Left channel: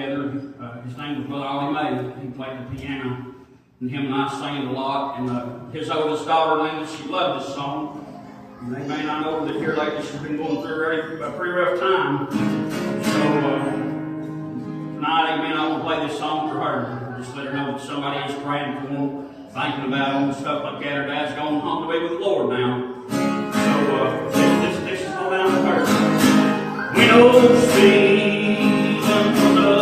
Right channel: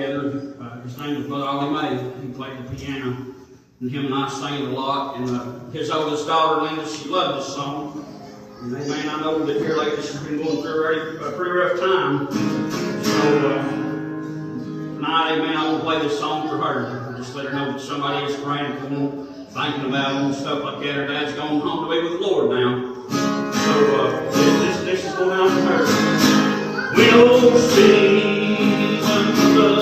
His name was Brother Ollie May. He played the piano, and him and I sang it a lot. And his oldest daughter, Linda, she loved this song. And amen, I know that here lately she's been going through a pretty rough time. So tonight, amen, I want to play this song for her. Just let her know that somebody is praying for them, thinking about them, and stuff like that. Her dad's gone home to be with the Lord now. So this is going out to her. We know seasons of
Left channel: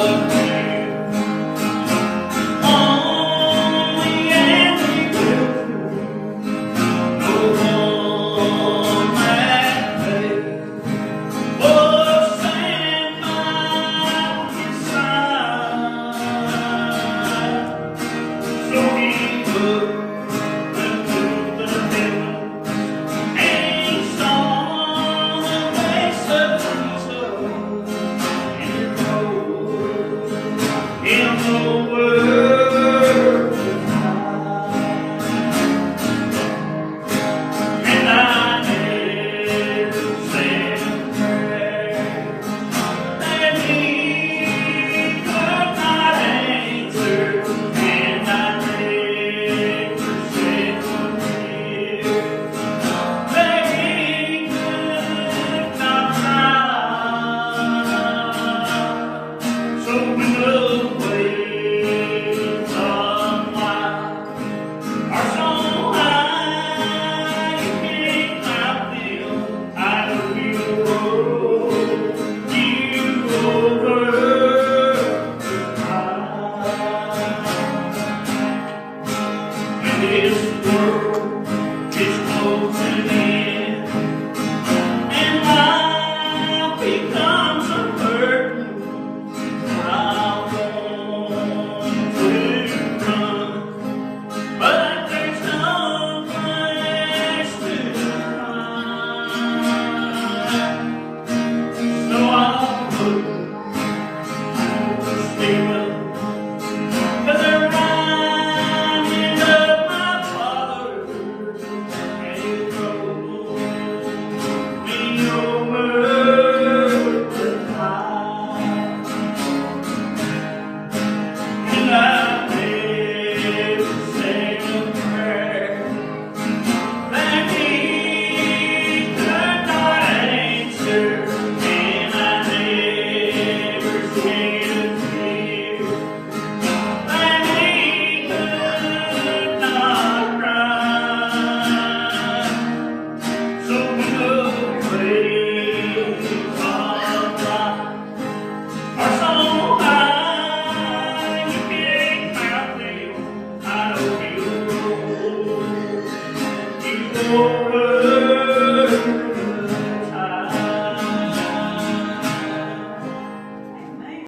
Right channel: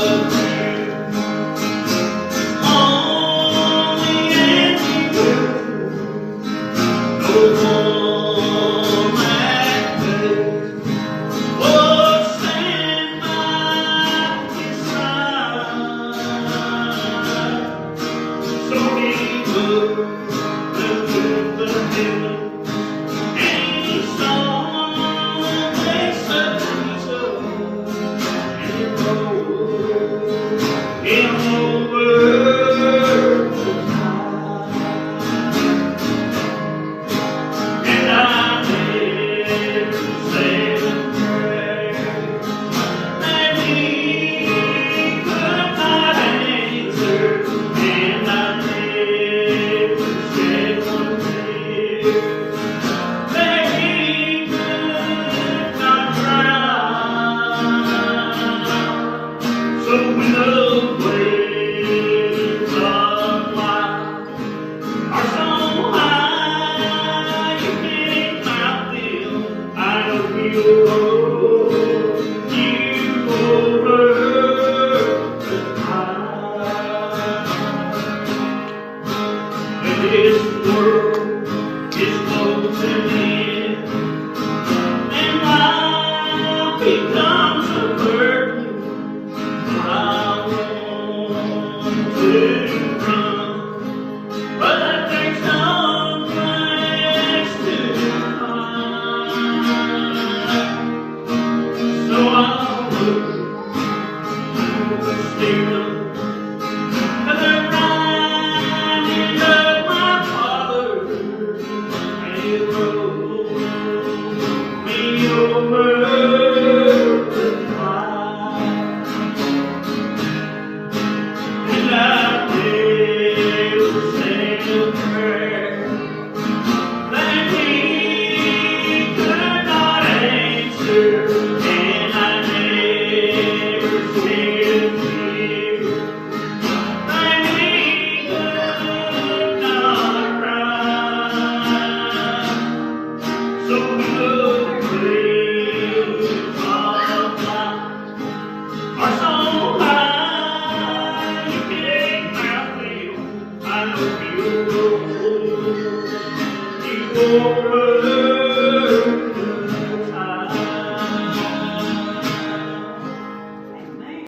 this world is closing in, and life becomes a burden, but I want to run, but there's no place to hide. So I'll look to the Spirit. Oh,